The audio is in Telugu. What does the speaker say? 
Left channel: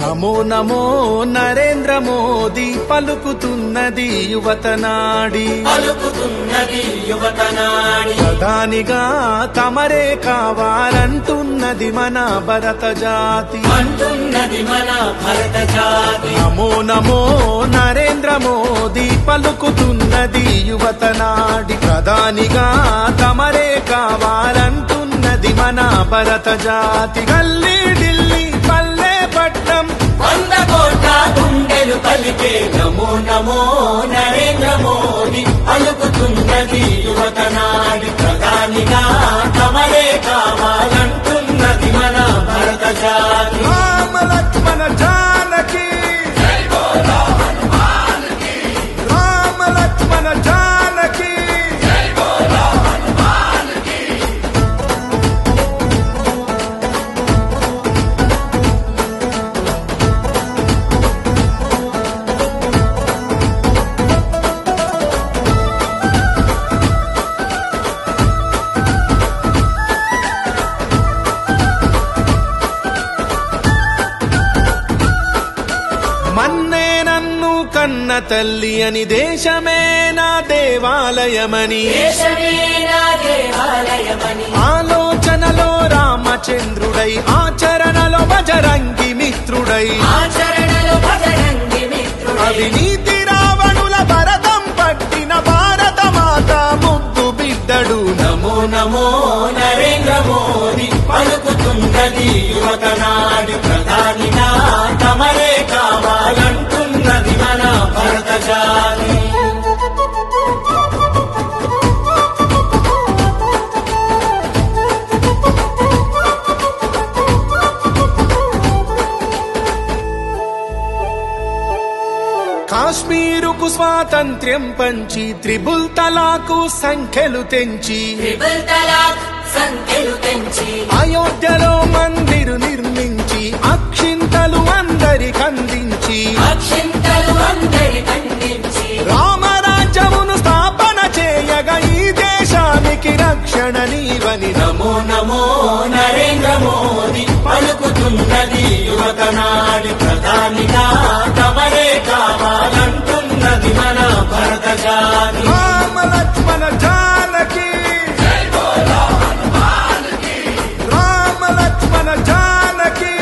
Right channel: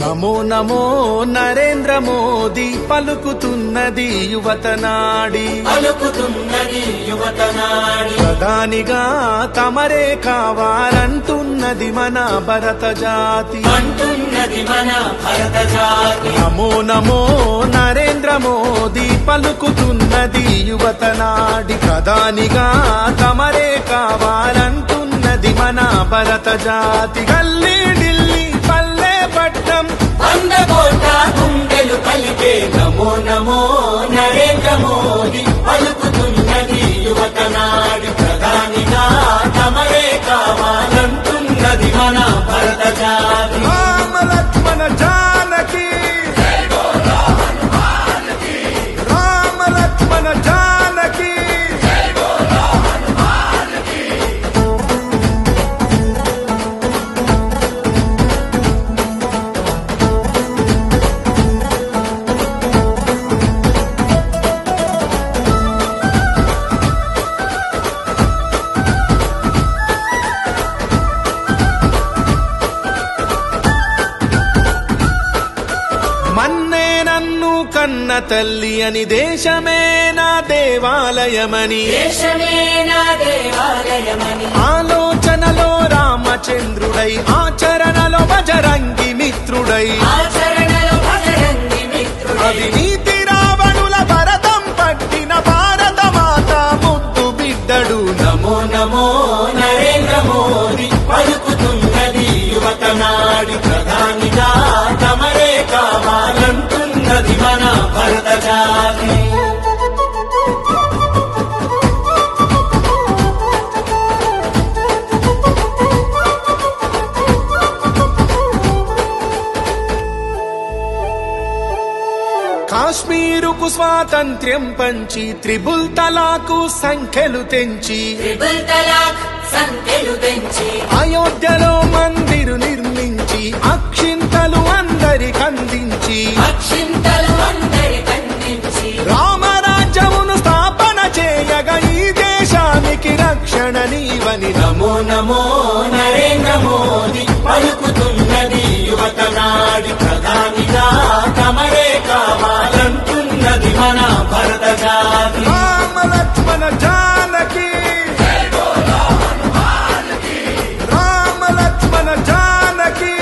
నమో నమో నరేంద్ర మోదీ పలుకుతున్నది యువతనాడి ప్రధానిగా తమరే కావాలంటున్నది మన భరత జాతి. నమో నమో నరేంద్ర మోదీ పలుకుతున్నది యువతనాడి ప్రధానిగా తమరే కావాలంటున్నది మన భరత జాతి. గల్లీ ఢిల్లీ పల్లె పట్నం వందకోట గుండెలు పలికే నమో నమో నరేంద్ర మోదీ పలుకుతున్నది యువతనాడి ప్రధానిగా తమరే కావాలంటున్నది మన భరత జాతి. రామ లక్ష్మణ జానకి రామ లక్ష్మణ జానకి మన్నే నన్ను కన్న తల్లి అని దేశమే నా దేవాలయమని ఆలోచనలో రామచంద్రుడై ఆచరణలో బజరంగి మిత్రుడై అవినీతి రావణుల భరతం పట్టిన భారత మాత ముద్దు బిడ్డడు. నమో నమో నరేంద్ర మోదీ పలుకుతున్నది యువతనాడి ప్రధానిగా తమరే కావాలంటున్నది మన భరత జాతి. కాశ్మీరుకు స్వాతంత్ర్యం పంచి త్రిబుల్ తలాకు సంఖ్యలు తెంచి అయోధ్యలో మందిరు నిర్మించి అక్షింతలు అందరికందించి రామరాజ్యమును స్థాపన చేయగా ఈ దేశానికి రక్షణ నీవని నమో నమో నరేంద్ర మోదీ పలుకుతున్నది యువతనాడి ప్రధానిగా తమరే కావాలంటున్నది మన భరత జాతి. రామ లక్ష్మణ జానకి రామ లక్ష్మణ జానకి